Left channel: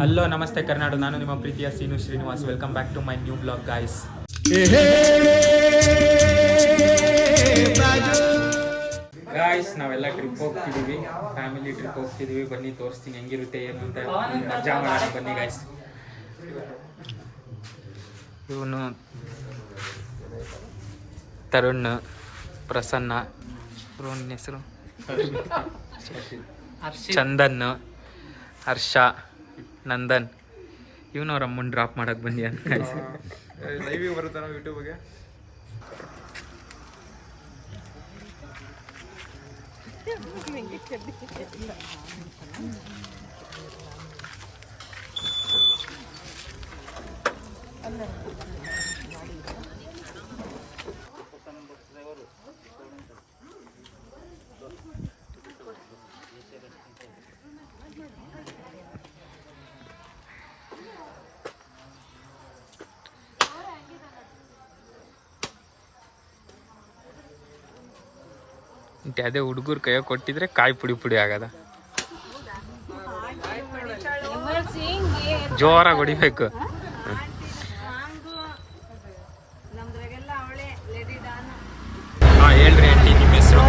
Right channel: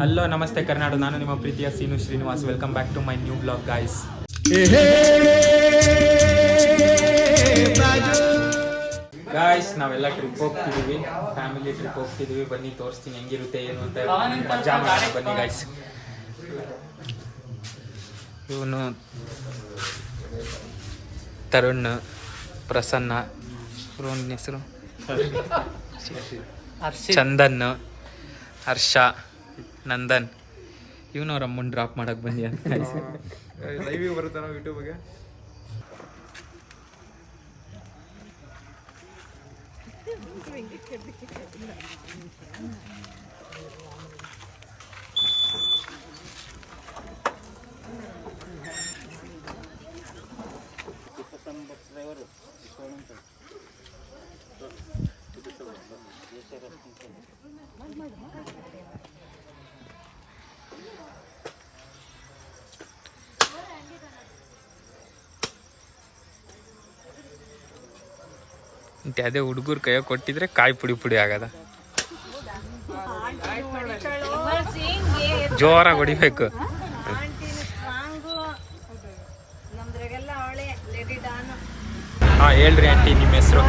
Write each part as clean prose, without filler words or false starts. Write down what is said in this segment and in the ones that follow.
Hello ನಮಸ್ತೆ ಕರ್ನಾಡು, ನಾನು ನಿಮ್ಮ ಪ್ರೀತಿಯ Seenu Srinivas. Welcome back to my new blog guys. Guys ನಾವೆಲ್ಲ ಟ್ರಿಪ್ ಹೋಗ್ತಿದ್ದೀವಿ, ಫ್ಯಾಮಿಲಿ ಟ್ರಿಪ್ ಹೋಗ್ತಿದ್ದೀವಿ. ಬನ್ನಿ ತೋರಿಸ್ತೀನಿ ಹೆಂಗಿರುತ್ತೆ ಏನು ಅಂತ, ಮಜಾ ಮಾಡೋಣ ಬನ್ನಿ ಗಾಯ್ಸ್. ಇವನು ತರುಣ್, ಪ್ರಸನ್ನ, ಇವನ ಹೆಸರು ಚಂದನ್, ಹರ್ಷ, ನಂದನ್. ಇವನವ್ರ ಅಮ್ಮನ ಡ್ರಾಪ್ ಮಾಡಕ್ಕೆ ಬಂದಿ ಅಂತ ಲೈವಿಗೆ ಬರುತ್ತೆ ನಾವು ಯೂಟ್ಯೂಬ್ಗೆ. ಅದೇ ಹುಡುಗರು ಕೈಯ ಕೊಟ್ಟಿದ್ರೆ ಕಾಯಿ ಪುಡಿ ಪುಡಿ ಆಗದ. ಜೋರಾಗಿ ಹೊಡಿಬೇಕು. ಹಾಂ ಹೇಳ್ರಿ ಆಂಟಿ, ನಿಮ್ಮ ಹೆಸರು?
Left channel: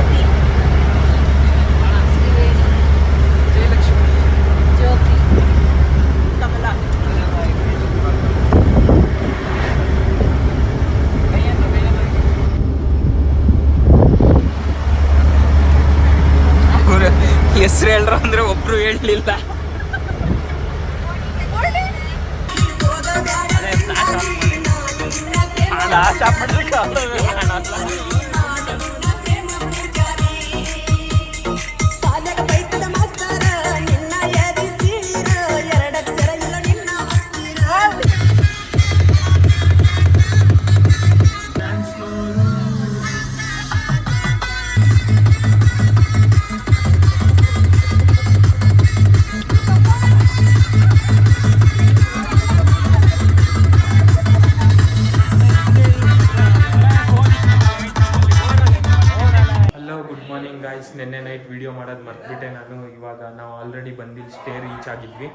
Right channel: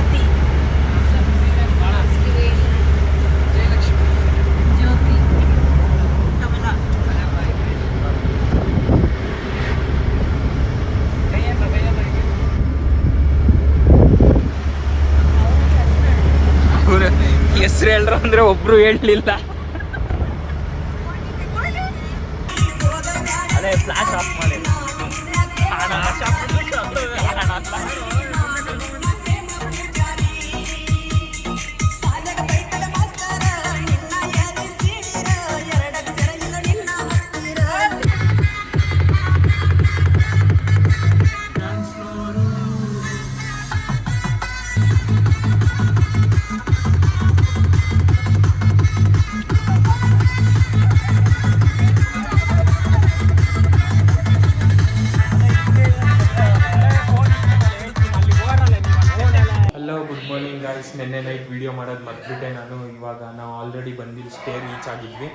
ಹೆಸರು ಹೇಳ್ರ ಅಂದ್ರೆ ಒಬ್ರು ಹೇಳಲಿಲ್ಲ. Good morning guys. ನಿನ್ನೆ ನೈಟ್ ವಿಡಿಯೋ ಮಾಡೋದು ಮರ್ತ್ಬಿಟ್ಟೆ ನಾನು. ಇವಾಗ ನಾವು ಆಲ್ರೆಡಿ ಬಂದಿಲ್ಲಿ ಸ್ಟೇ ರೀಚ್ ಆಗಿದ್ವಿ.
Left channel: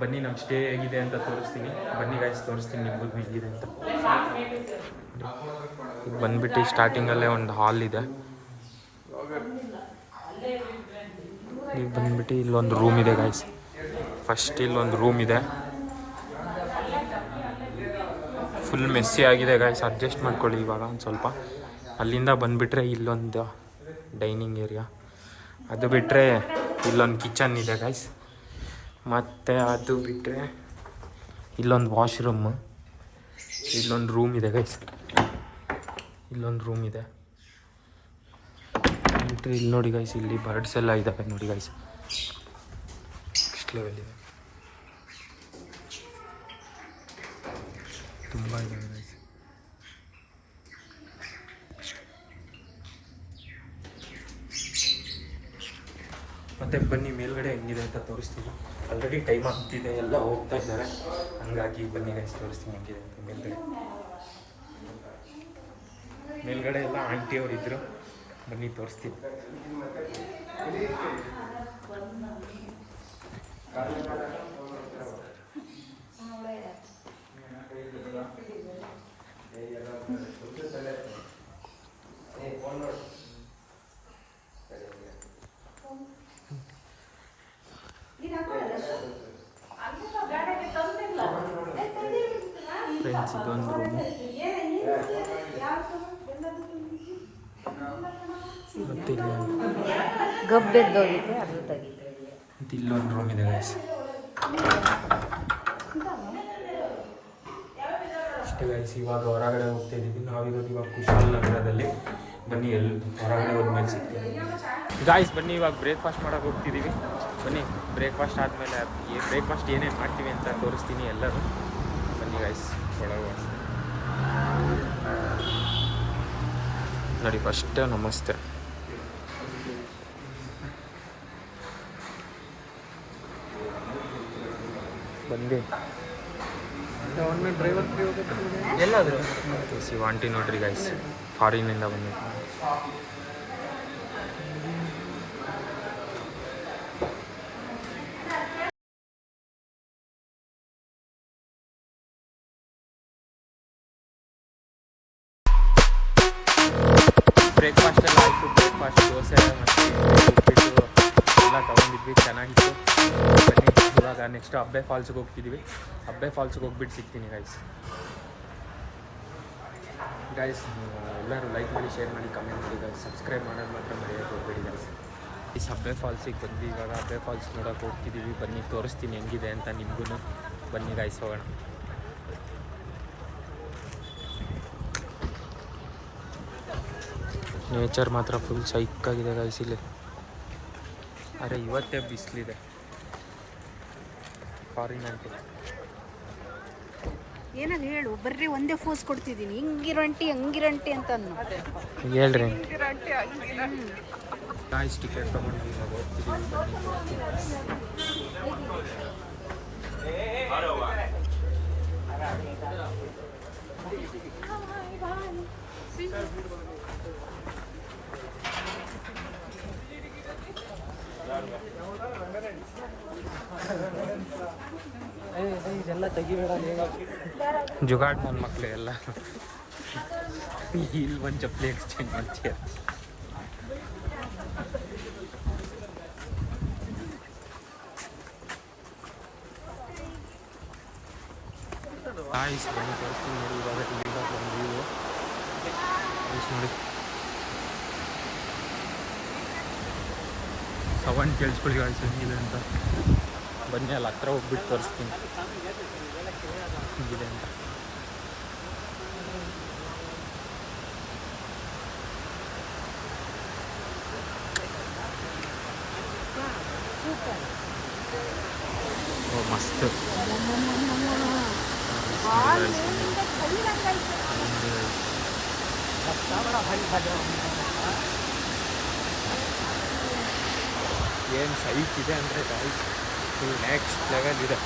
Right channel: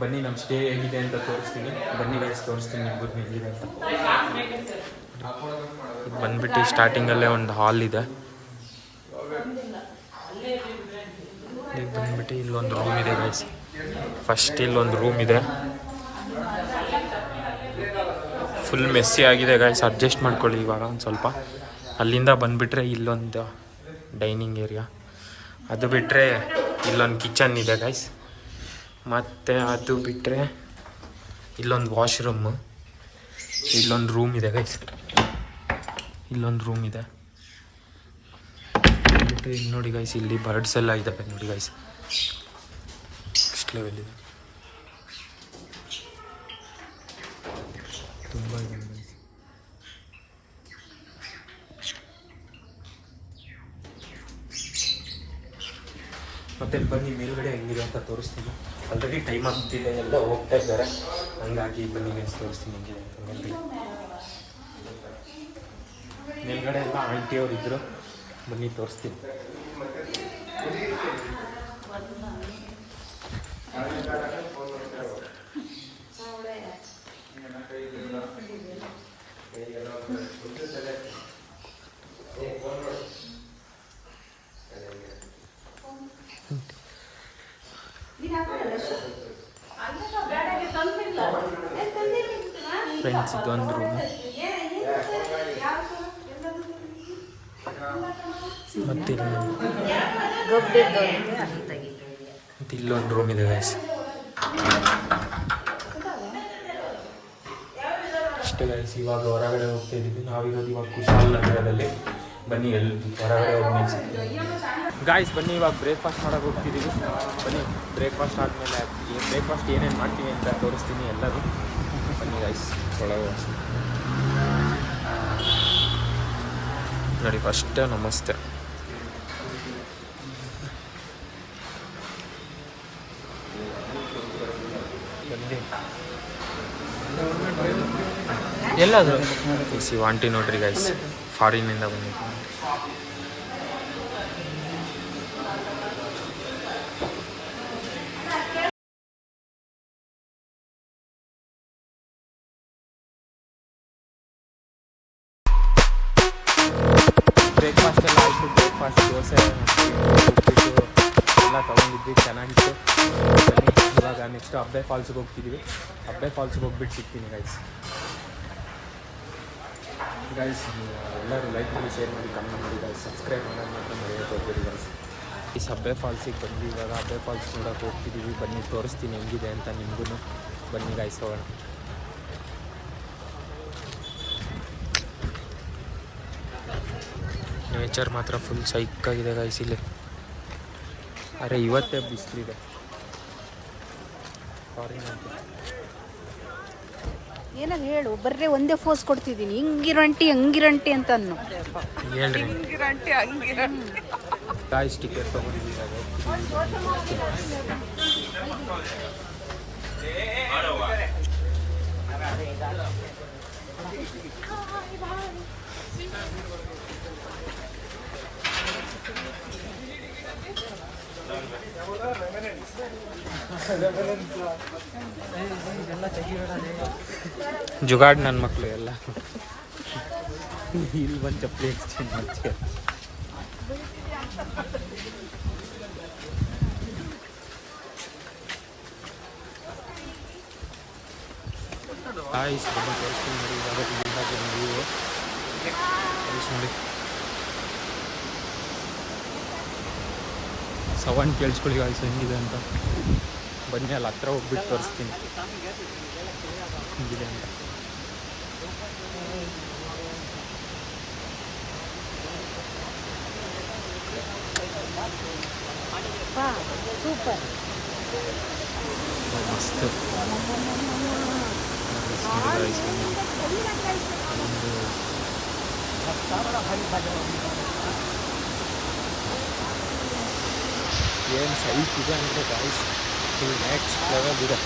ಬನ್ನಿ ನಮ್ಮ ಸ್ಟೇ ಹೇಗಿದೆ ಅಂತ ತೋರಿಸ್ತೀನಿ. ಬನ್ನಿ ಗಾಯ್ಸ್ ತೋರಿಸ್ತೀನಿ ನಿಮ್ಗೆ ಹೇಗಿದೆ ಅಂತ. ಇದು ಬಂದ್ಬಿಟ್ಟು ಸ್ಟಾರ್ಟಿಂಗಲ್ಲೇ ಒಂದು ಹಾಲ್ ಇದೆ. ಈಗ ಬಂದ್ಬಿಟ್ಟು ಇಲ್ಲೊಂದು ರೂಮ್ ಇದೆ ಗಾಯ್ಸ್. ಫಸ್ಟ್ ಇಲ್ಲೊಂದು ರೂಮ್ ಇದೆ, ಫುಲ್ ಮೆಸ್ಸಿ ಆಗಿದೆ ಗಾಯ್ಸ್. ಅಡ್ಜಸ್ಟ್ ಮಾಡ್ಕೊಳ್ಳಿ ಇವಾಗ ಒಂದು ಸ್ವಲ್ಪ. ಅಲ್ಲಿಂದ ಬಂದುಬಿಟ್ರೆ ಇಲ್ಲೊಂದು ಡೈನಿಂಗ್ ಏರಿಯಾ, ಅದು ಬಿಟ್ಟರೆ ಇಲ್ಲೊಂದು ಕಿಚನ್ ಇದೆ ಗೈಸ್. ಮತ್ತು ಅದು ಬಿಟ್ಟರೆ ಇಲ್ಲೊಂದು ವಾಶ್ರೂಮ್, ಇಲ್ಲೊಂದು ರೂಮ್ ಇದೆ ಗೈಸ್. ಇಲ್ಲೊಂದು ರೂಮ್ ಇದೆ. ಇಲ್ಲಿ ನೋಡಿ ಗೈಸ್, ಇಲ್ಲಿ ಬರ್ಡ್ಸ್ ಎಲ್ಲ ಇದ್ದಾವೆ ನೋಡಿ ಗೈಸ್. ಇಷ್ಟು ಲೆವೆಲ್ ಇದೆ, ತುಂಬ ಇದೆ ಗೈಸ್. ಮತ್ತು ಬನ್ನಿ ಮೇಲ್ಗಡೆ ಹೆಂಗಿದೆ ಅಂತ ತೋರಿಸ್ತೀನಿ. ಆಲ್ರೆಡಿ ಟೈಮ್ ಆಗ್ತಿದೆ, ಎಲ್ಲ ಹೋಗ್ತಾ ಇದ್ದಾರೆ, ಹಂಗಾಗಿ ಬನ್ನಿ ಗೈಸ್ ತೋರಿಸ್ತೀನಿ ಹೆಂಗಿದೆ ಅಂತ. ಮೇಲ್ಗಡೆ ಎಲ್ಲ ಆಂಟಿಯವ್ರು ಇದ್ದರು, ಬನ್ನಿ ತೋರಿಸ್ತೀನಿ. ಫ್ರೆಂಡ್ಸ್ ಇದೊಂದು ರೂಮು, ಮತ್ತು ಇಲ್ಲೊಂದು ರೂಮ್ ಇದೆ ಗೈಸ್. ಅಷ್ಟೇ ಗೈಸ್. ಇವಾಗ ಹೊರಗಡೆ ಹೋಗ್ತಾ ಇದ್ದೀವಿ. ನಾವಿರೋದು ಇವಾಗ ಕುಶಾಲನಗರದಲ್ಲಿ. ಬನ್ನಿ ಎಲ್ಲಿ ಹೊರಗಡೆ ಹೋಗಿ ಮೇಲೆ ಸಿಗ್ತೀವಿ ಗಾಯ್ಸ್. ಬನ್ನಿ ಇವಾಗ ಬ್ರೇಕ್ಫಾಸ್ಟ್ ಮಾಡೋಕೆ ಹೋಗ್ತಿದ್ದೀವಿ. ಬನ್ನಿ ಬ್ರೇಕ್ಫಾಸ್ಟ್ ಆದಮೇಲೆ ಬ್ರೇಕ್ಫಾಸ್ಟ್ ಏನೇನು ಮಾಡ್ತೀವಿ ಅಂತ ತೋರಿಸ್ತೀನಿ ಎಲ್ಲರೂ. ಬನ್ನಿ ಗೈಸ್ ಒಳಗೆ ನೋಡಿ. ಫಸ್ಟ್ ನಮಸ್ತೆ. ಬಂದು ಎಲ್ಲದು ಆಂಟಿ ನೋಡ್ರಿ ಗೈಸ್, ಫಾರಿನಿಂದ ಬಂದಿದ್ದು. ಬ್ರೇಕ್ಫಾಸ್ಟ್ ಎಲ್ಲ ಆಯಿತು. ಬ್ರೇಕ್ಫಾಸ್ಟ್ ದೋಸೆ ಮತ್ತು ಉಪ್ಪಿಟ್ಟು ಎಲ್ಲ ತೊಗೊಂಡಿದ್ವಿ, ಚೆನ್ನಾಗಿತ್ತು. ಬನ್ನಿ ಇವಾಗ ನೆಕ್ಸ್ಟ್ ಅಬ್ಬೆ ಫಾಲ್ಸ್ಗೆ ಹೋಗ್ತಿದ್ದೀವಿ. ಅಬ್ಬೆ ಫಾಲ್ಸ್ಗೆ ಹೋಗ್ಬಿಟ್ಟು ಸಿಗ್ತೀನಿ ಗೈಸ್. ಎಲ್ಲರೂ ಲೈಕ್ ಮಾಡಿ, ಶೇರ್ ಮಾಡಿ, ಕಮೆಂಟ್ ಮಾಡಿ ಗೈಸ್. ಸಬ್ಸ್ಕ್ರೈಬ್ ಮಾಡೋದು ಮಾತ್ರ ಮರೆಯೋಕ್ಕೆ ಹೋಗ್ಬೇಡಿ ಗೈಸ್. ಈ ಅಬ್ಬೆ ಫಾಲ್ಸಿಗೆ ಬಂದು ಇವಾಗ ಅಬ್ಬೆ ಫಾಲ್ಸ್ ನೋಡೋಕೆ ಹೋಗ್ತಿದ್ದೀವಿ. ಬನ್ನಿ ತೋರಿಸ್ತೀನಿ ಹೆಂಗಿದೆ ಅಂತ ನಿಮಗೂ. ಬನ್ನಿ ಗೈಸ್ ಹೋಗೋಣ. ನೇಚರ್ ಮಾತ್ರ ಫುಲ್ ಸೈಕಾಗಿದೆ ಗೈಸ್ ಇಲ್ಲಿ. ಅರೆ ಇವತ್ತೇ ಬಿಸಿಲಿದೆ ಫಾರಿನ್ ಅಂತ. ಏನಾದ್ರು ಹೇಳು, ಬರ್ರೆ ಒಂದೇ ಫೋಸ್ ಕೊಡ್ತಿದ್ದೀನಿ. ಹಿಂಗಿರಂಟಿ ಹಂಗಿರಂಟಿ ಅಂತ ಅನ್ನು ಹೇಳ್ರಿ. ಗಾಯ್ಸ್ ಟಿಕೆಟ್ ತೊಗೊಂಡಿದ್ದೀವಿ, ಇವಾಗ ಹೋಗ್ತಿದ್ದೀವಿ. ಬನ್ನಿ ತೋರಿಸ್ತೀನಿ. ಜುಗಾಡ್ ನನ್ನ ಮಕ್ಕಳು ಎಲ್ಲ ಇಲ್ಲಿ ಬಂದು ಚಪ್ಪಲಿ ಎಕ್ಸ್ಚೇಂಜ್ ಮಾಡ್ತೀಯ. ಆಯ್ಸ್ ಬನ್ನಿ ತೋರಿಸ್ತೀನಿ ನೋಡಿ. ಇವಾಗ ಇಲ್ಲಿಂದ ನೀವು ಆಯ್ಸ್ ನೋಡಿ, ಸೌಂಡ್ ಕೇಳಿಸ್ಕೊಳ್ಳಿ ಆಯ್ಸ್ ಹೆಂಗಿದೆ ಅಂತ. ಬನ್ನಿ ಅಲ್ಲಿ ಹತ್ರ ಹೋಗ್ಬಿಟ್ಟು ತೋರಿಸ್ತೀನಿ ಹೆಂಗಿದೆ ಅಂತ. ಸೂಪರ್, ಮಸ್ತ್. ಏನು ಸೈಟ್ ಇದೆ ಅಂದರೆ ಗಾಯ್ಸ್ ಫುಲ್ ನೆಕ್ಸ್ಟ್ ಲೆವೆಲ್ ಇದೆ.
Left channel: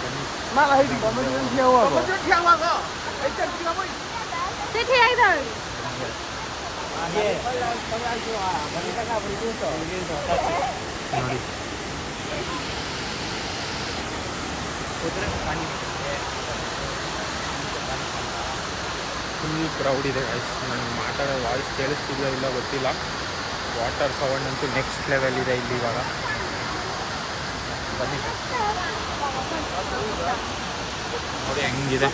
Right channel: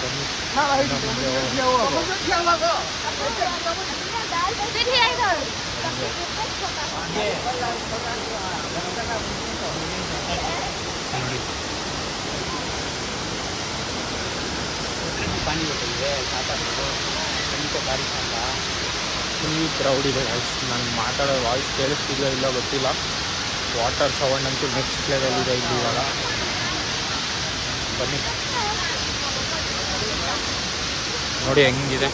ಬನ್ನಿ ನೋಡಿ. ಫುಲ್ ಕ್ರೌಡ್ ಇದೆ ಗಾಯ್ಸ್. ನಾನು ಮಾತಾಡೋ ವಾಯ್ಸ್ ಕೇಳಿಸ್ತಿದೆಯೋ ಇಲ್ಲ ಗೊತ್ತಿಲ್ಲ. ವಾಟರ್ ಸೌಂಡ್ ಅಂತೂ ನೆಕ್ಸ್ಟ್ ಲೆವೆಲ್ ಇದೆ ಇಲ್ಲಿ ಇವಾಗ. ಬನ್ನಿ ನೋಡಿ ಹೆಂಗಿದೆ.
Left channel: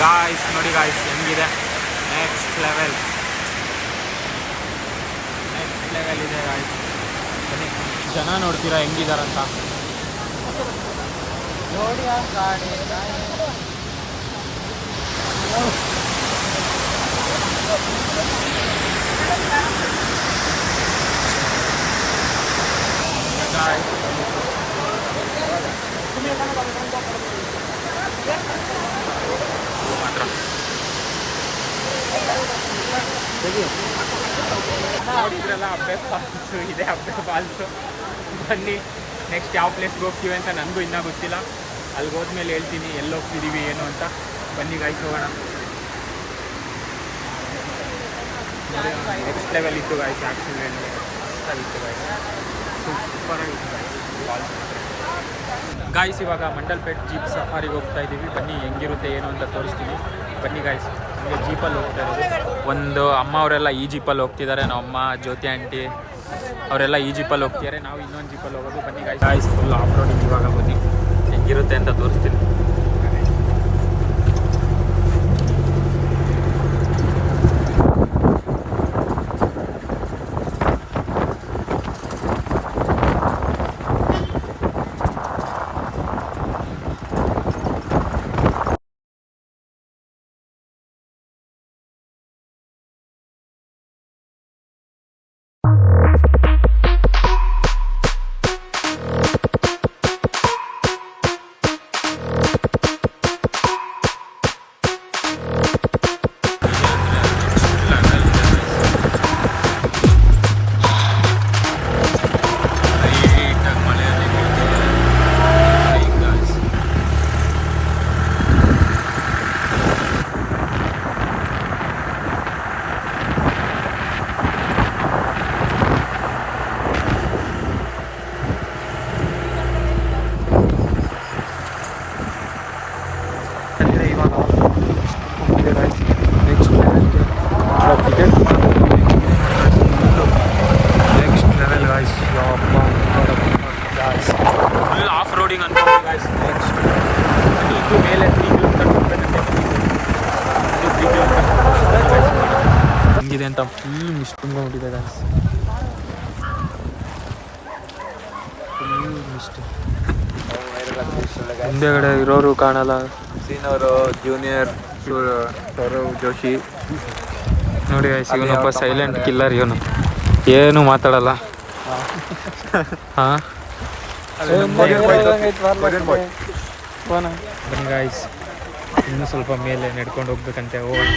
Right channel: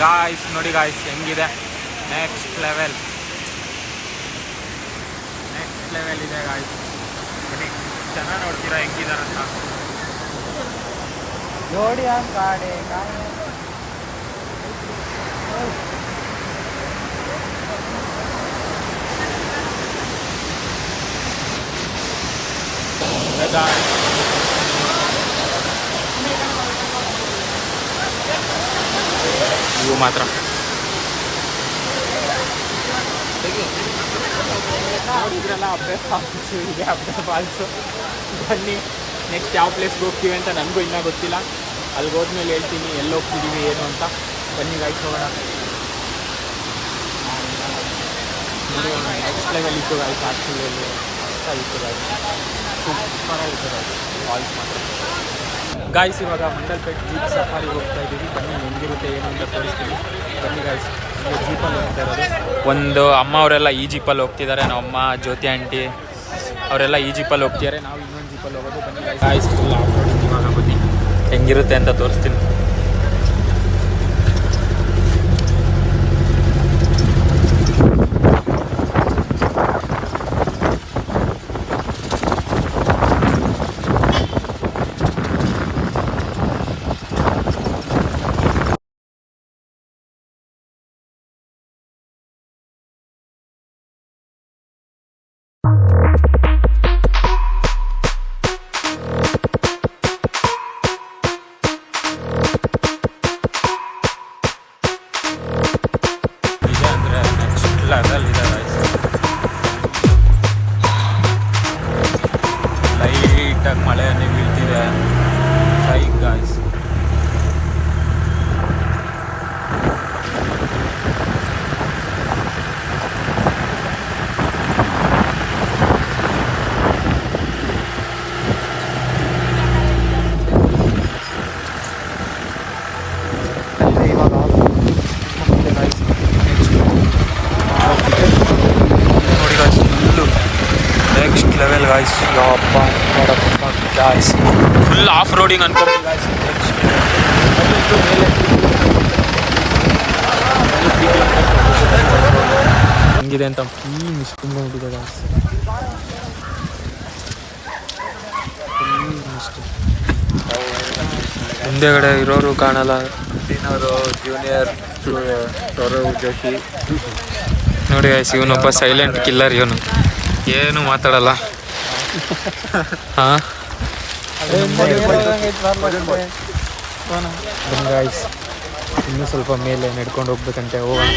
ಗಾಯ್ಸ್ ನೋಡಿ ಗಾಯ್ಸ್ ಹೆಂಗಿದೆ. ನೆಕ್ಸ್ಟ್ ಲೆವೆಲ್ ಇದೆ ಗಾಯ್ಸ್. ಬನ್ನಿ ಜನ ನೋಡ್ತೀರಾ ಹೆಂಗಿದಾರಂತ. ಇವು ಮಾತ್ರ ನೋಡಿದ್ರಲ್ಲ ಅಬ್ಬೆ ಫಾಲ್ಸು ಇದೆ. ಅಬ್ಬೆ ಫಾಲ್ಸು ಬನ್ನಿ ನೆಕ್ಸ್ಟ್ ಯಾವ ಪ್ಲೇಸ್ಗೆ ಹೋಗ್ತೀವಿ ಅಂತ ನನಗೂ ಇನ್ನೂ ಗೊತ್ತಿಲ್ಲ. ಅಲ್ಲಿಗೆ ಹೋದ್ಮೇಲೆ ಹೇಳ್ತೀನಿ ಎಲ್ಲಿ ಹೋಗ್ತಿದ್ದೀವಿ ಏನು ಅಂತ. ಬನ್ನಿ ಗಾಯ್ಸ್ ಹೋಗೋಣ. ನೋಡಿ ನೆಕ್ಸ್ಟ್ ಲೆವೆಲ್ ಇತ್ತು ಗಾಯ್ಸ್. ಆ್ಯಕ್ಚುಲಿ ಮಸ್ತಾಗಿತ್ತು ಗಾಯ್ಸ್, ಸೂಪರಾಗಿತ್ತು ಗಾಯ್ಸ್ ಫಾಲ್ಸ್ ಮಾತ್ರ. ಗಾಯ್ಸ್ ಇವಾಗ ಮಂಡಲ್ಪೇಟ್ ಜೀಪ್ ಸಫಾರಿಗೆ ಹೋಗ್ತಾ ಇದ್ದೀವಿ. ಬನ್ನಿ ಹೆಂಗಿರುತ್ತೆ ಏನು ಅಂತ ತೋರಿಸ್ತೀನಿ. ಬನ್ನಿ ಗಾಯ್ಸ್, ಈಗ ಜೀಪಲ್ಲಿ ಹೋಗ್ತಾ ಇರೋದು. ಒಂದು ಅಮ್ಮ ಅವರೆಲ್ಲ ಈ ಜೀಪಲ್ಲಿ ಹೋಗ್ತಿದ್ದಾರೆ. ನಮ್ಮ ಅಮ್ಮ, ಜ್ಯೋತಿ ಆಂಟಿ ಅವರೆಲ್ಲ ಈ ಜೀಪಲ್ಲಿ ಹೋಗ್ತಿದ್ದಾರೆ. ನಾವು ಇನ್ನೊಂದು ಜೀಪಲ್ಲಿ ಹೋಗೋದು. ಬನ್ನಿ ಗಾಯ್ಸ್ ಫುಲ್ ಆಫ್ ರೋಡಿಂಗ್ ಇವಾಗ. ಬನ್ನಿ ಹೆಂಗಿರುತ್ತೆ ಅಂತ ತೋರಿಸ್ತೀನಿ. ಇವಾಗ ನೆಕ್ಸ್ಟ್ ಲೆವೆಲ್ ಗಾಯ್ಸ್. ಯಪ್ಪ ಗಾಯ್ಸ್ ಫುಲ್ ಆಫ್ ರೋಡಿಂಗ್ ಅನ್ಕೊಂಡು ಗಾಯ್ಸ್. ನೆಕ್ಸ್ಟ್ ಅದು ಇದು ಮೇಲೆ 3 ಕಿಲೋಮೀಟರ್ ಹೋಗ್ಬೇಕಂತೆ. 3 ಕಿಲೋಮೀಟರ್ಸ್ ಹೋಗ್ಬೇಕು ಹೆಂಗಿದೆ ಅಂತ ಫುಲ್ ಮಿಸ್ ತುಂಬಿದೆ ಗಾಯ್ಸ್. Full mist. ಮುಂದೆಗಡೆ ಇರೋರು ಕಾಣಲ್ಲ. ಜೂನಿಯರ್ ಸೌರವ್ ಜೋಶಿ ನೋಡಿ ಗಾಯ್ಸ್, ಇವನೊಬ್ಬ ಸೈಲೆಂಟ್ ಕಿಲ್ಲರ್. ಇವನು ಏನು ಮಾತಾಡಲ್ಲ. ಹಾಂ ಬನ್ನಿ ಗಾಯ್ಸ್, ಇನ್ನೂ ಸ್ವಲ್ಪ ಮೇಲೆ ನಡ್ಕೊಂಡು ಹೋಗ್ಬೇಕಂತೆ. ಹೋಗೋಣ.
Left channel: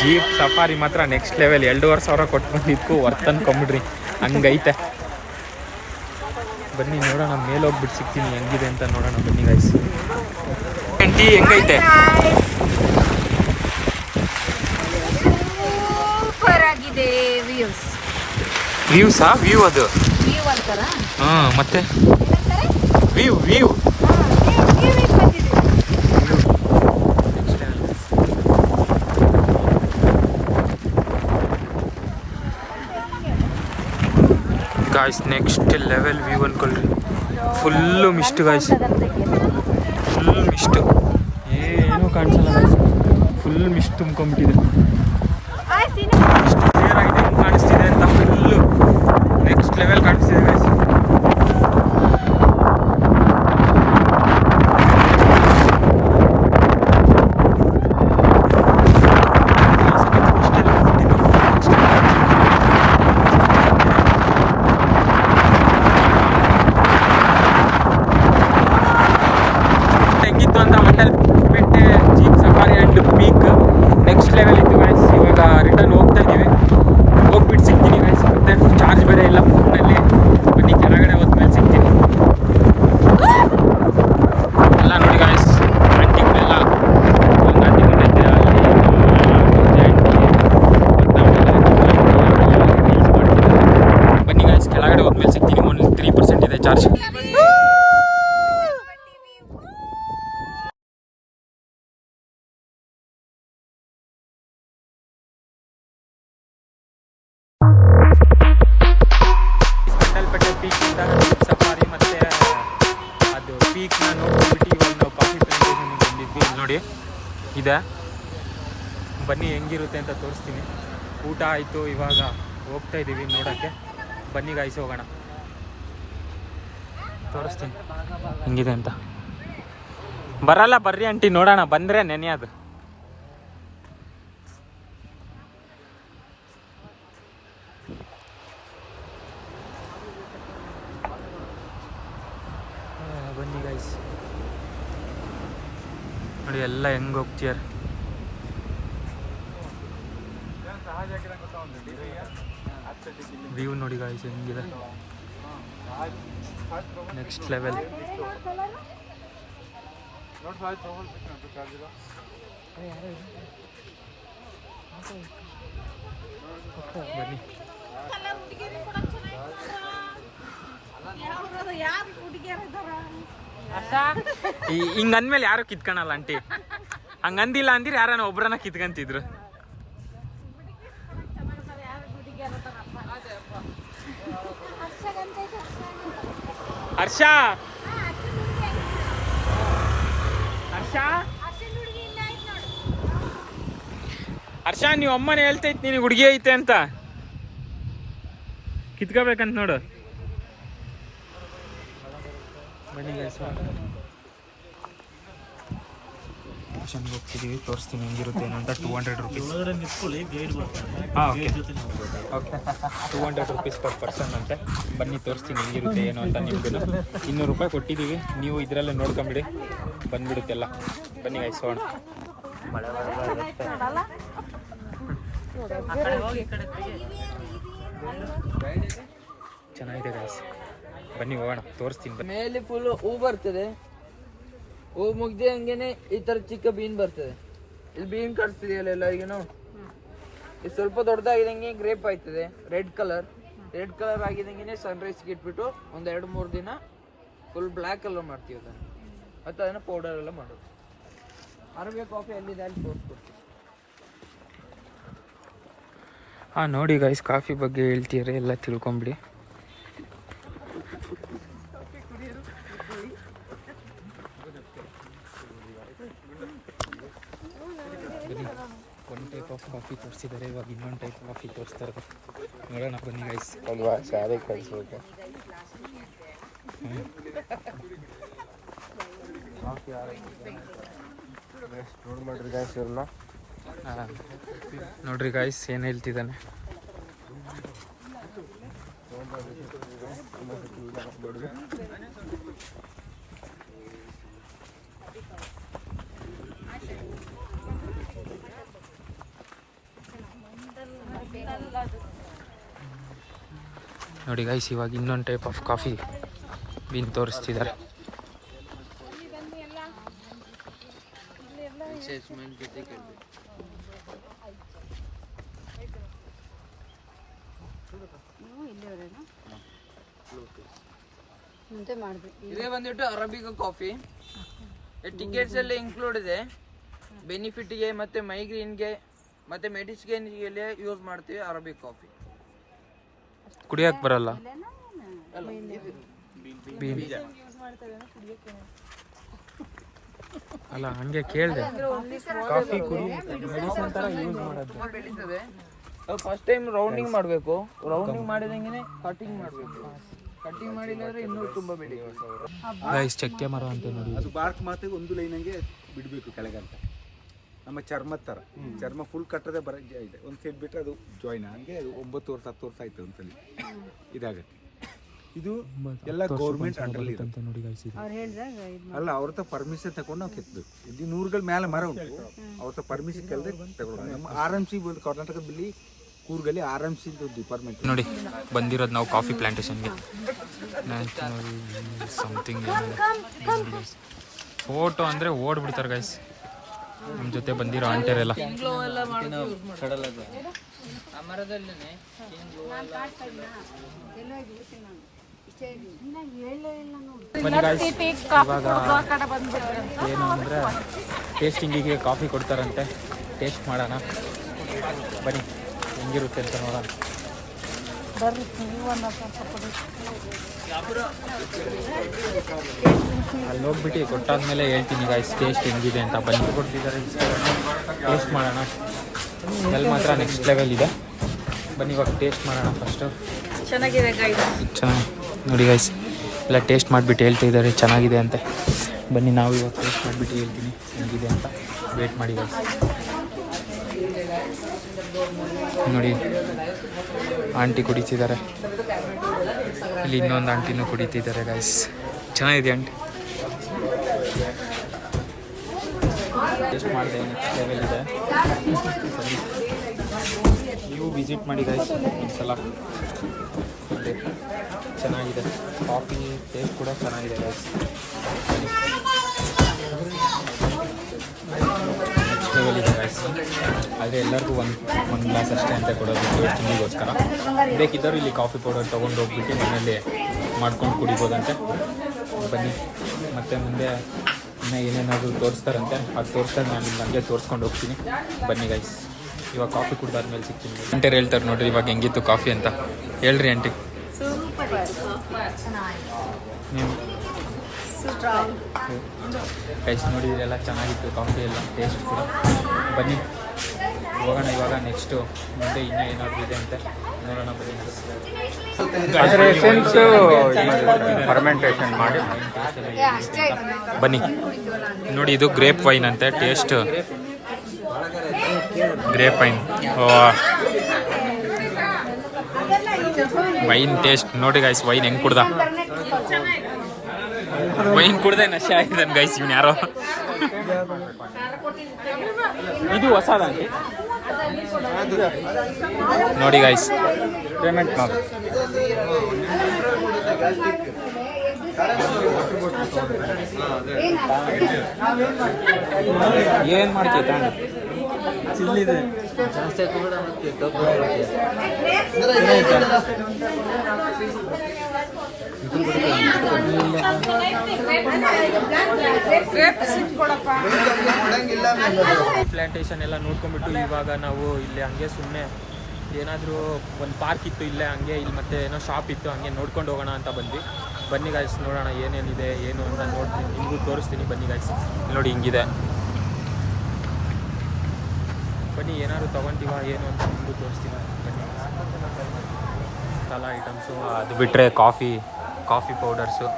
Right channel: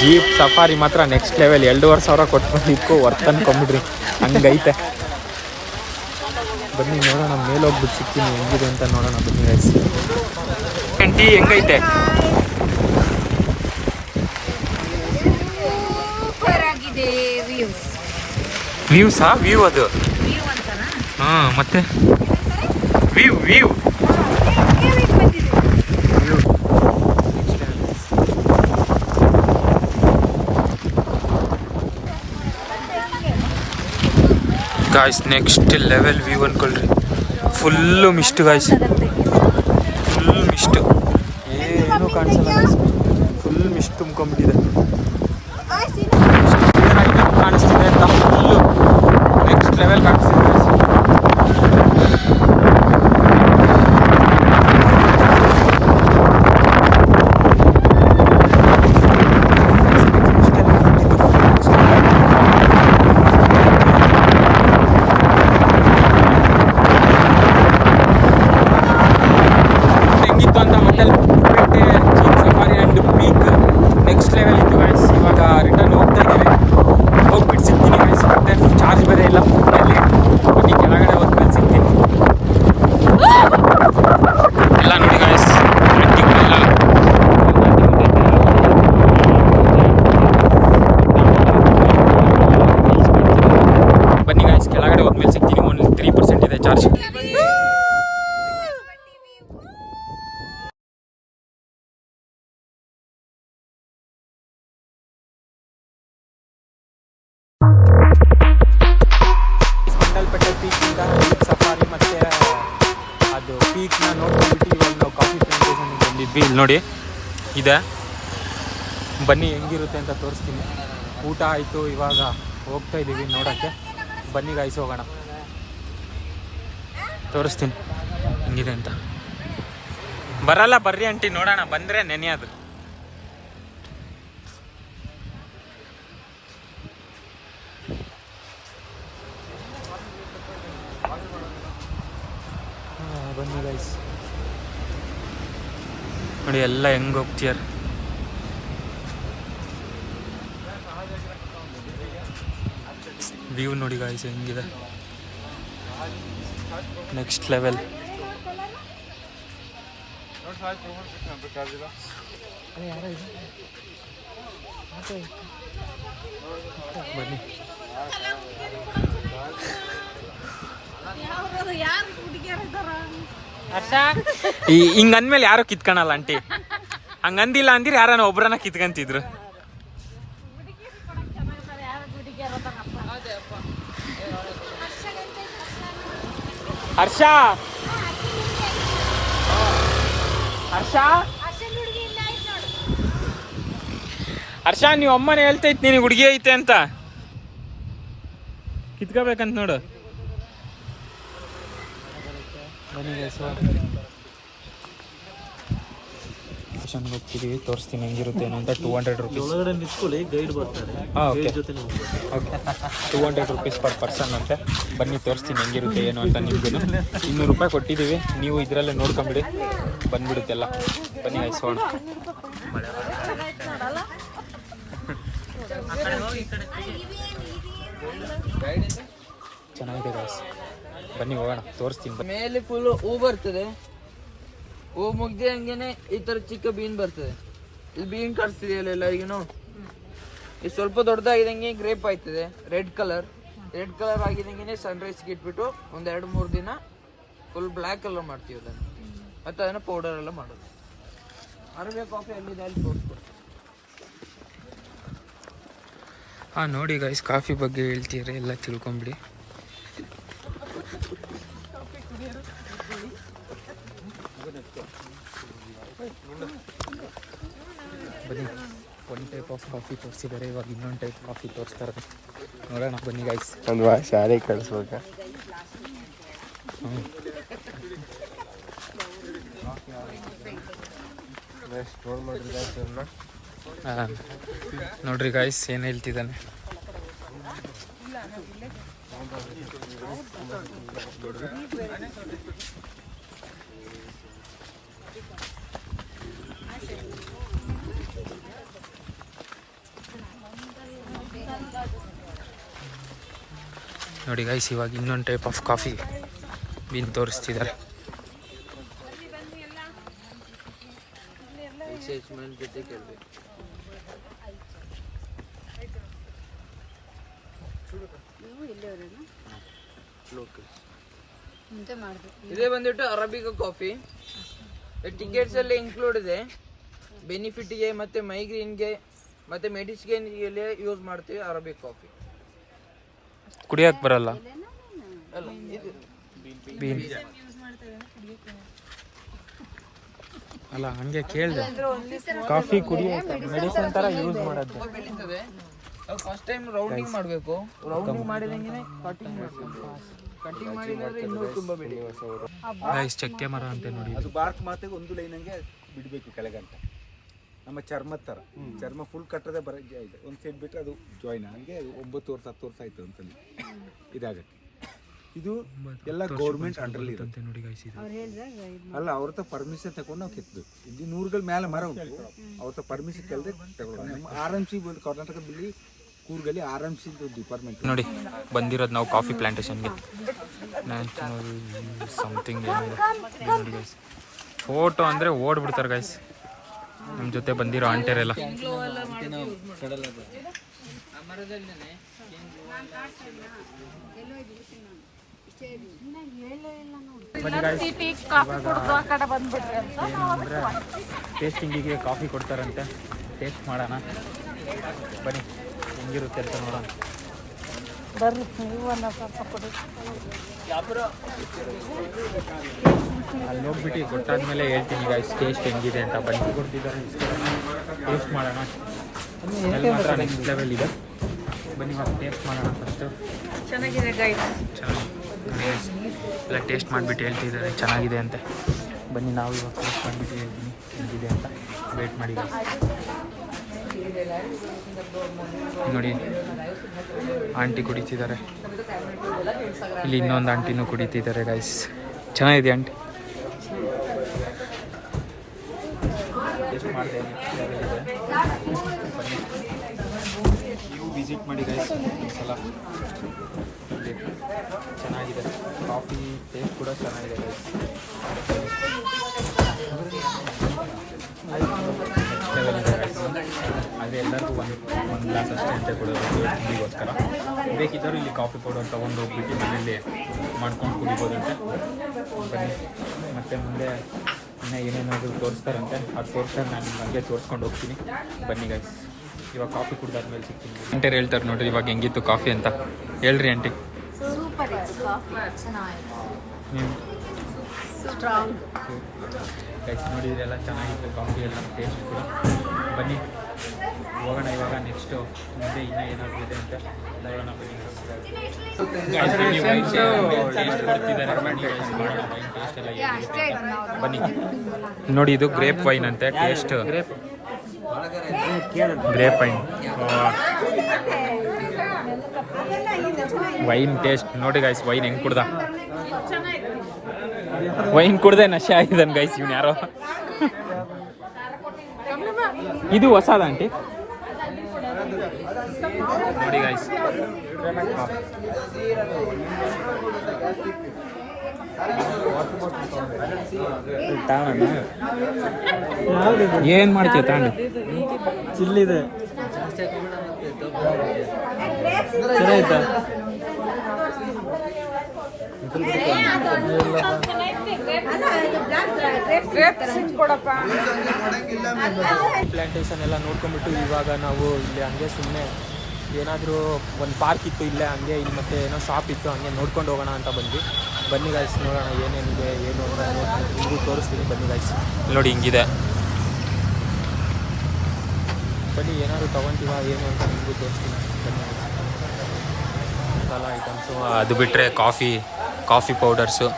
ಜೀಪ್ ಸಫಾರಿ ಮಾತ್ರ ನೆಕ್ಸ್ಟ್ ಲೆವೆಲ್. 2,500 ಕೊಟ್ಟು ಬಂದಿದ್ದಕ್ಕೂ ವರ್ತ್ ಅನ್ಕೊಂಬಿಡ್ರಿ, ಹಂಗೈತೆ. ಬನ್ನಿ ನೋಡೋಣ, ಮೇಲೆ ಹೋಗ್ಬಿಟ್ಟು ಸಿಗ್ತೀನಿ ಹೆಂಗಿದೆ ಅಂತ ನೋಡೋಣ. ಬನ್ನಿ ಗಾಯ್ಸ್. ಟೀ ಹೆಂಗೈತೆ? ಸೂಪರ್ ಆಗಿದೆ ವ್ಯೂಸ್. ವ್ಯೂಸಾ? ವ್ಯೂ ಅದು. ವ್ಯೂ ಅಂತಾರ? ಹಾಂ, ಮತ್ತೆ view view guys. Next level view ಅನ್ಕೊಳ್ರಿ. Full mist guys, full mist. ಏನೂ ಕಾಣಿಸಲ್ಲ ಗಾಯ್ಸ್, ಫುಲ್ ಮಿಸ್ಟ್ ತುಂಬ್ಕೊಂಡ್ಬಿಟ್ಟಿದೆ. ಕ್ಲಿಯರ್ ಆಗಿ ಕಾಣಿಸ್ತಿದೆ ಅಂತ ಫುಲ್ಲು ನೆಕ್ಸ್ಟ್ ಲೆವೆಲ್ ಕಾಣಿಸ್ತಿದೆ ಗಾಯ್ಸ್. ಹೆಂಗಿತ್ತು ಅಂತ Mandalpatti jeep safari and peak next level ಇತ್ತು ಗಾಯ್ಸ್. ಇವಾಗ ರಿಟರ್ನ್ ಹೋಗ್ತಾ ಇದ್ದೀವಿ. ಹೋಗ್ಬಿಟ್ಟು ಸಿಗ್ತೀನಿ ಗಾಯ್ಸ್. ಮತ್ತೆ ಚಾರ್ಜ್ ಬೇರೆ ಇಲ್ಲ ಫೋನಲ್ಲಿ. ಬನ್ನಿ ಕೆಳಗಡೆ ಹೋದ್ಮೇಲೆ ಸಿಗ್ತೀನಿ. ಎಲ್ಲ ನೋಡಿ ಗಾಯ್ಸ್, ಆಂಟಿಗಳೆಲ್ಲ ಬನ್ನಿ ಗಾಯ್ಸ್, ಕೆಳಗಡೆ ಹೋದ್ಮೇಲೆ ಸಿಗ್ತೀನಿ. ಓನ್ಲಿ 3% ಇದೆ ಚಾರ್ಜ್. ಮಂಡಲ್ಪೇಟೆ ಪೀಕಿಂದ ಸಫಾರಿ ಮತ್ತು ಅದು ಪೀಕ್ನ ನೋಡ್ಕೊಂಡ್ಬಿಟ್ಟು ಇವಾಗ ನಾವು ಕಾಫಿ ಪ್ಲಾಂಟೇಷನ್ಗೆ ಬಂದಿದ್ವಿ. ಇಲ್ಲಿ ನೋಡಿ ಇದೆ, ಬನ್ನಿ ಹೆಂಗಿರುತ್ತೆ ಅಂತ ತೋರಿಸ್ತೀನಿ. ಊಟ ಆಯಿತು, ಇವಾಗ ಹೋಗ್ತಾ ಇದ್ದೀವಿ ನೋಡೋಕ್ಕೆ. ಬನ್ನಿ ಗಾಯ್ಸ್ ಹೋಗೋಣ, ತೋರಿಸ್ತೀನಿ ಹೆಂಗಿದೆ ಅಂತ. ಬರಲ್ಲ ಬರ್ರಿ ಆಂಟಿ, ನೋಡೋಣ. ಬಂದರೆ ನೆನೆಯೋದು. ಬನ್ನಿ ಗೈಸ್ ನೋಡಿ ಎಲ್ಲ ಹೆಂಗೆ ಹೋಗ್ತೀಯಾರ. ವ್ಯೂ ನೋಡಿ ಗಾಯ್ಸ್ ಹೆಂಗಿದೆ, ನೆಕ್ಸ್ಟ್ ಲೆವೆಲ್. ಬನ್ನಿ ಹಿಂಗಂದ್ಮೇಲೆ ಯಾರು ಕಿತ್ಕೊಳಲ್ಲ ಆಂಟಿ. ಹಂಗಂದಿಲ್ಲ ಅಂದಿರ ಯಾರನ್ನ ಒಬ್ರನ್ನ ಕಿತ್ಕೊಂತಿದ್ರು. ಹರ್ಷ ಹರ್ಷ ಹರ್ಷ, ನೀವು ಅಮ್ಮನೇ ಹೇಳ್ತೈತಿ ನಿನಗೆ ಹುಡುಗಿ ಐತೆ ಅಂತ. ಕಿತ್ಕೋಬೇಕಂತ ನೋಡು. ಬನ್ನಿ ಹೋಗ್ತಿದ್ದೀವಿ, ತೋರಿಸ್ತೀನಿ ಹೆಂಗಿರುತ್ತೆ ಏನು ಅಂತ. 200 ರುಪೀಸ್. ಹಾಂ, okay okay, 200 rupees per person ಅಂತೆ. ಬನ್ನಿ ತೋರಿಸ್ತೀನಿ ಹೆಂಗಿರುತ್ತೆ ಏನು ಅಂತ. ನಿಮ್ಗೂ 200 ರೂಪಾಯಿ ಕೊಟ್ಟಿದ್ದೀವಿ, ನೀವು ಇದರಲ್ಲೇ ನೋಡ್ಕೊಂಬಿಡಿ, ಬಂದ್ಬಿಡುತ್ತೆಲ್ಲ. ಬನ್ನಿ ಗೈಸೋಣ. ಮಳೆ ಚೆನ್ನಾಗಿದೆ ಗೈಸ್, ಬನ್ನಿ ಹೋಗೋಣ, ತೋರಿಸ್ತೀನಿ. ಮೇಲೆ ಫುಲ್ ಹೂ ಬರ್ತದೆ, ಹೂ ಮುಗ್ದೆ ಹಂಗೇನೆ ಈ ತರ ಚಿಕ್ಕ ಬೀನ್ ಬರ್ತದೆ. ಇಲ್ಲಿ ಬೀನ್ ಕಾಣಿಸ್ತಿದೆಯಲ್ಲ ಈಗನು, ಇದು ಸ್ವಲ್ಪ ದೊಡ್ಡದಾಗಿದಂಗೆ ಗ್ರೇಪ್ ಆಯ್ತದೆ. ರೆಡ್ ಕಲರ್ ಆಗಿದಂಗೆ ಸನ್ರೈಸ್ಗೆ ಇಟ್ಬಿಟ್ಟು ಒಂದ್ 2-3 ದಿನ ಫುಲ್ ಬ್ಲ್ಯಾಕ್ ಕಲರ್ ಮಾಡ್ತೀವಿ ಅದನ್ನು. ಮತ್ತೆ ಅದನ್ನ ಪೌಡರ್ ಎಲ್ಲ ಮಾಡೋದು. ಅರಬಿ ಕಾಫಿ ಎಲ್ಲಿದೆ ಅಲ್ಲಿ ತೋರಿಸ್ಕೊಡ್ತೀನಿ. ಹಾಂ ನೋಡಿ ಗೈಸ್, ಕಾಫಿ ಬಗ್ಗೆ ಹೇಳ್ತೀರಿ ಎಲ್ಲ ತಿಳ್ಕೊಂಬಿಡಿ. ಬನ್ನಿ, ಒಂದು ಟೈಪ್ ಆಫ್ ಕಾಫಿ ತೋರಿಸಿದ್ದಾರೆ, ಇವಾಗ ಇನ್ನೊಂದು ಟೈಪ್ ಕಾಫಿ ತೋರಿಸ್ತಾರೆ. ನೋಡೋಣ ಬನ್ನಿ ಗೈಸ್. ಅಲ್ವಾ, ಶಾಲೆ ಕಳಿಸ್ಬೇಕ. ನೋಡ್ ಮಾಡ್ರಿ ಗೈಸ್ ಇವ್ರನ್ನ. ನೋಡ್ರಿ ಗಾಯ್ಸ್ ಏನು ಹೇಳ್ತಿದ್ದಾನೆ. ನೋಡಿ ಗೈಸ್, ಇವಾಗ ಇನ್ನೊಂದು ಟೈಪ್ ಆಫ್ ಕಾಫಿ ಬೀನ್ ತೋರಿಸ್ತಿದ್ದಾರೆ. ಜೊತೆ ಕೇಳಬೇಕು. ಇದೇ ಬಂದ್ಬಿಟ್ಟು ಅರಬಿಕಾ ಕಾಫಿ. ಟಿಕೆಟ್ಸ್ ಎಲ್ಲ ಇನ್ಕ್ಲೂಡ್ ಇದೆ. ಬೆನಿಫಿಟ್ಗೆ ಮತ್ತೆ ಮೈಗ್ರೇನ್ಗೆ ಮತ್ತೆ ಮೆಡಿಸಿನ್ಗೆ ಯೂಸ್ ಮಾಡ್ತೀವಿ ಅರಬಿಕ್ ಕಾಫಿ. ಕುಡಿಯಕ್ಕೆ ಬರಲ್ಲ ಅಲ್ಲ, ಇದು ಬೀನ್ ಅಲ್ಲ, ಹಂಗೆ ಕೇಳಿದೆ. ಕಾಫಿ ಕುಡಿಯೋಕೆ ಮೆಡಿಸಿನ್ ಥರ ಯೂಸ್ ಮಾಡೋದು. ಬೆಳೀತದೆ. ಫಸ್ಟ್ ಟೈಮ್ ರೌಂಡಿಂಗ್ ಮಾಡಬೇಕು. ರೌಂಡಿಂಗ್ ಮಾಡಿದಂಗೆ ಕಟಿಂಗ್ ಮಾಡಬೇಕು. ಕಟಿಂಗ್ ಮಾಡಿದ್ರೆ ಇನ್ನೂ ತುಂಬಾ ಬೆಳೀತದೆ. ಗೈಸ್, ಚಕ್ಕೆ ಮರ ಅಂತ ನೋಡಿ. ಅದು ಬಾರ್ಕ್ ಮಾತಿಗೆ ಒಂದು ಲೈನಂಗೆ ಬಿಡಬೇಕು ಕೆಳಗಂತ. ನಮ್ಮ ಚರ್ಮದ ಥರ ಚರ್ಮ ಫುಲ್ ಕಟ್ಟದೆ ಬರ ಇದೆ. ಒಂದು ಸೈಡ್ ಬಿಟ್ಟರೆ ಅದು ಜಾಯ್ನ್ ಹಂಗೆ ಅದು 9 ವರ್ಷ 10 ವರ್ಷ ಆಯ್ತು ಅಂತಲ್ಲಿ ಇದಾಗತ್ತೆ. ಇದು ಎಲ್ಲ ಗೌರ್ಮೆಂಟ್ ಅಂಡರ್ಲಿ ಇರುತ್ತೆ ನೋಡಿ ಗೈಸ್. ಇದು ಅಲ್ಲ, ಅವ್ರ ಹತ್ರ ಪರ್ಮಿಷನ್ ತಗೊಂಡು ನಾವು ಕೆತ್ತಬೇಕು. ಇದು 100ಗಳ ಮೇಲೆ ಮರ ಉಂಟು, ಅವ್ರ ಹತ್ರ ಪರ್ಮಿಷನ್ ಕೇಳದೆ ತಗೊಳ್ಳೋದು. ನಮ್ಮ RMC ಬಂದು ಕರ್ನಾಟಕದಲ್ಲಿ ಕೂರ್ಗಲ್ಲಿ RMC ಡಿಪಾರ್ಟ್ಮೆಂಟ್ ನೋಡಿ ಬಂದಿರೋದು ನಾವು ಕಾಫಿ ಪ್ಲಾಂಟೇಶನ್ಗೆ. ನ್ಯಾಷನಲ್ ಸಮಥಿಂಗ್ ಏನಿದೆ ಫೋಟೋ ಅಂದರೆ ಓಡ್ಬಿಡ್ತಾರೆ ಗೈಸ್. ನಮ್ಮ ಜೊತೆ ಬಂದಿರೋ ಆಂಟರೆಲ್ಲ ಏನಂದರೆ ಟೇಸ್ಟಿಂಗಿಗೆ ಕಾಫಿ ಕೊಡ್ತಾರಂತೆ. ಟೇಸ್ಟ್ ಮಾಡೋಣ ಬನ್ನಿ, ಹೆಂಗಿರುತ್ತೆ ಅಂತ ನೋಡೋಣ. ಅಲ್ಲಿ ಹೋಗ್ಬಿಟ್ಟು ಕೊಟ್ಟಾದ್ಮೇಲೆ ಹೇಳ್ತೀನಿ ಗೈಸ್ ಟೇಸ್ಟ್ ಹೆಂಗಿದೆ ಅಂತ. ಬನ್ನಿ ಕೊಡ್ತಿದ್ದಾರೆ, ಟೇಸ್ಟ್ ಮಾಡೋಣ. ಸ್ಮೆಲ್ ಮಾತ್ರ ನೆಕ್ಸ್ಟ್ ಲೆವೆಲ್ ಇದೆ. ಬನ್ನಿ ಇವಾಗ ಟೇಸ್ಟ್ ಮಾಡೋಣ ಫಸ್ಟು. ಚೆನ್ನಾಗಿದೆ ಚೆನ್ನಾಗಿ ನೋಡಿ ಗೈಸ್, ಎಲ್ಲ ಟೇಸ್ಟ್ ಮಾಡಿಬಿಟ್ಟು ಹೇಳ್ತಿದ್ದಾರೆ ಚೆನ್ನಾಗಿದೆ ಅಂತ. ಬನ್ನಿ ನಾವು ಇವಾಗ ಟೇಸ್ಟ್ ಮಾಡಿಬಿಟ್ಟು ಹೇಳ್ತೀನಿ ಹೆಂಗಿದೆ ಅಂತ. ವೇಟ್ ಮಾಡಿ ಗೈಸ್. ನೋಡಿ ಆಂಟಿ ಕುಡಿತಿದ್ದಾರೆ, ಇಲ್ಲಿ ಇನ್ನೊಂದು ಆಂಟಿನೂ ಕುಡಿತಿದ್ದಾರೆ ಗೈಸ್. ಚೆನ್ನಾಗಿದೆ ಆಂಟಿ. ಟೇಸ್ಟ್ ಮಾಡಿದೆ, ನೆಕ್ಸ್ಟ್ ಲೆವೆಲ್ ಇದೆ. ಬನ್ನಿ ನೀವು ವಿಸಿಟ್ ಮಾಡಿ ಗೈಸ್ ಒಂದ್ಸಲ. ಇಲ್ಲಿ ಚೆನ್ನಾಗಿದೆ ಕಾಫಿ, ಟೇಸ್ಟ್ ಕೂಡ ಚೆನ್ನಾಗಿದೆ ಗೈಸ್. ನೆಕ್ಸ್ಟ್ ಲೆವೆಲ್ ಇದೆ ಗೈಸ್. ಆದರೆ ಎಲ್ಲರಿಗೂ ಒಂದು ಗ್ಲಾಸ್ ಅಷ್ಟೇ ಅಂತ ಕೊಡೋದು ತಿಂಡಿಗೋಸ್ಕರ. ಬೇಕಿದ್ದರೂ ಇಲ್ಲಿ ಕಾಫಿ ಪೌಡರ್ ತೊಗೊಂಡು ಹೋಗ್ಬಿಟ್ಟು ಮನೇಲಿ ಮಾಡ್ಕೊಂಡು ಕುಡಿಬೋದಂತೆ. ಬನ್ನಿ, ಮತ್ತು ಮುಂದೆ ಇನ್ನೂ ಏನೇನಾದರೂ ತೋರಿಸ್ತಾರಂತೆ, ಅದು ತೋರಿಸ್ತಾರೆ. ನಾನು ಇಲ್ಲಿ ಹಂಗೆ ತೋರಿಸ್ಕೊಂಡು ಹೋಗ್ತೀನಿ. ಬನ್ನಿ ಗೈಸ್, ಇವಾಗ ಕಾಫಿ ಕುಡ್ದಾದ್ಮೇಲೆ ಸಿಗ್ತೀನಿ. ಆಂಟಿ ಹೇಳ್ತಾರೆ ನೋಡ್ರಿ ಇವಾಗ ಹೆಂಗಿತ್ತು ಕಾಫಿ ಅಂತ. ಹೇಳ್ರಿ ಆಂಟಿ. ಸೂಪರ್ ನೀವು ಗೈಸ್ ನೋಡಿ, ಇದೆಲ್ಲ ಚೆನ್ನಾಗಿತ್ತು ಕಾಫಿ ಎಲ್ಲ, ಟೇಸ್ಟ್ ಕೂಡ. ಬನ್ನಿ ಹೋಗೋಣ ಇವಾಗ ನೆಕ್ಸ್ಟು ಮುಂದೆ ಇನ್ನೂ ಏನಾದರೂ ಇದೆ ಅಂತ ನೋಡೋಣ. ಬನ್ನಿ ನೋಡಿ, ಇದು ಗ್ರೇಪ್ ವೈನ್ ಅಂತೆ. Taste grape wine. Wine taste ನೋಡಿ ಗೈಸ್. ವೈನ್ ಹೆಂಗೆ ಕುಡ್ದ, ವೈನ್ ಕುಡ್ದೆ ನಶೆ ಆಗಿದ್ದಾನೆ ಗೈಸ್ ಇವ್ನು ಯಾರೋ. ಇದು ಹೊಸ ಆಂಟಿ ನೋಡಿ ಗೈಸ್. ಪೇಮೆಂಟ್ ಏನು ಮಾಡ್ತೀಯ ಚಿಲ್ಲಿದೆ ಜಾಸ್ತಿ ಹಾಕೋಬೇಡ ಮತ್ತೆ ದಪ್ಪ ಪ್ಲಾಂಟೇಶನ್ ಎಲ್ಲ ನೋಡ್ಕೊಂಡ್ಬಿಟ್ಟು ಇವಾಗ ನಾವು ಇಲ್ಲಿ ಹಂಗೆ ಸುಮ್ಮನೆ ಏನಾದರೂ ಒಂದು ಪಾರ್ಕ್ ಇತ್ತು ಇಲ್ಲೇ ಹಂಗೆ ಇಲ್ಲಿ ಮತ್ತೆ ಏನೋ ಶಾಪ್ ಇತ್ತು ಹಂಗೆ ನೋಡ್ಕೊಂಡು ಹೋಗೋಣ ಅಂತ ಬಂದ್ವಿ. ಬನ್ನಿ ಗಾಯ್ಸ್ ನೋಡೋಣ ಏನೇನಿದೆ ಏನು ಅಂತ ನೋಡಿ ನಿಮಗೂ ತೋರಿಸ್ತೀನಿ. ಬನ್ನಿ ಗಾಯ್ಸ್ ನೋಡಿ ಹಿಂಗಿದೆ. ಬನ್ನಿ ಏನಾದ್ರು ತೊಗೊತೀವ ಏನು ಅಂತ ನಿಮಗೂ ತೋರಿಸ್ತೀನಿ. ಬನ್ನಿ ಮಸಾಲ ಐಟಮ್ಸು ಅದು ಬಿಟ್ಟರೆ ಕಾಫಿ ಪೌಡರ್ಸು,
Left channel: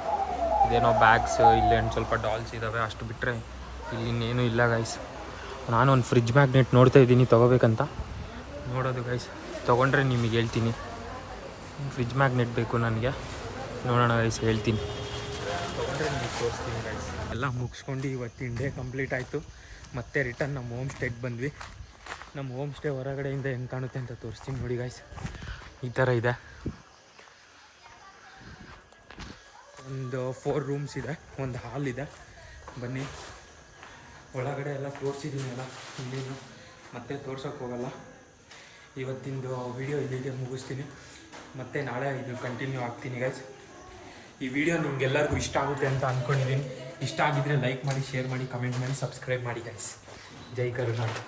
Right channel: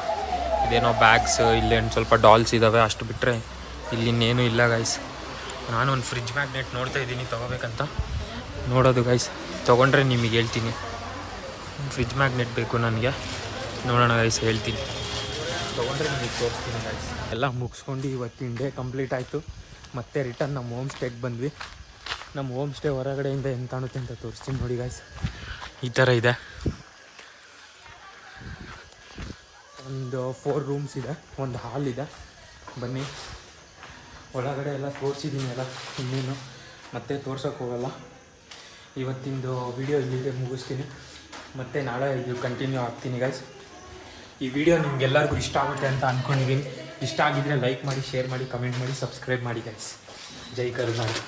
ಇದೇನೋ ಬ್ಯಾಗ್ಸ್, ಇಲ್ಲೇನು ಸ್ವಲ್ಪ ಡಾಲ್ಸ್ ಇದ್ದಾವೆ, ಅಷ್ಟು ಬಿಟ್ಟರೆ ಇಲ್ಲಿ ಇನ್ನೇನು ಇಲ್ಲ ಗೈಸ್. ನಾನು ಒಂದು ಫ್ರಿಜ್ ಮ್ಯಾಗ್ನೆಟ್ ನೋಡ್ತಾ ಇದ್ದೀನಿ ತೊಗೋಬೇಕಂತ. ನೋಡೋದು ಗೈಸ್, ತೊಗೊಂಡ್ರೆ ನಿಮಗೆ ಹೇಳ್ತೀನಿ. ಫ್ರಿಜ್ ಮ್ಯಾಗ್ನೆಟ್ ಬೇಕು ನನಗೆ, ನೋಡೋಣ ಗೈಸ್ ಹೇಳ್ತೀನಿ. ತೊಗೊಂಡ್ರೆ ನಿಮಗೆ ತೋರಿಸ್ತೀನಿ ಗೈಸ್. ಎಲ್ಲ ಮುಗಿಸ್ಕೊಂಡು ಇವತ್ತಿನ ಡೇ ಕಂಪ್ಲೀಟ್ ಆಯಿತು. ಮತ್ತೆ ರಿಟರ್ನ್ ನಮ್ಮ ಹೋಮ್ ಸ್ಟೇಗೆ ಬಂದ್ವಿ. ನಮ್ಮ ಹೋಮ್ ಸ್ಟೇ ಹೊರಗಡೆಯಿಂದ ಹೆಂಗೆ ಕಾಣುತ್ತೆ ಅಂತ ತೋರಿಸ್ತೀನಿ ನೋಡಿ ಗೈಸ್. ಈ ಥರ ಇದೆ. ಒಂದು 4 ರೂಮ್ಸ್ ಇದೆ, ಒಂದು ಹಾಲ್ ಇದೆ. ಬನ್ನಿ ಒಳಗಡೆ ಎಲ್ಲ ತೋರಿಸಿದ್ದೀನಿ ಎಲ್ಲ, ಇನ್ನೇನು ಮತ್ತೆ ತೋರ್ಸೋಕ್ಕೆ ಹೋಗಲ್ಲ. ಇವತ್ತಿಂದು ವಿಡಿಯೋ ಇಲ್ಲಿಗೆ ಮುಗಿಸ್ತೀನಿ. ಮತ್ತು ನಾಳೆ ಇದು ಕಂಟಿನ್ಯೂ ಆಗ್ತೀನಿ ಗೈಸ್. ಈ ವಿಡಿಯೋ ನಿಮ್ಗೆಲ್ಲರಿಗೂ ಇಷ್ಟ ಆಗುತ್ತೆ ಅಂತ ಅಂದ್ಕೊಂಡಿದ್ದೀನಿ. ಇಷ್ಟ ಆಗಿದ್ದರೆ ಲೈಕ್ ಮಾಡಿ, ಶೇರ್ ಮಾಡಿ, ಕಮೆಂಟ್ ಮಾಡಿ, ಸಬ್ಸ್ಕ್ರೈಬ್ ಮಾಡಿ ಗೈಸ್. ಜೈ ಕರುನಾಡು.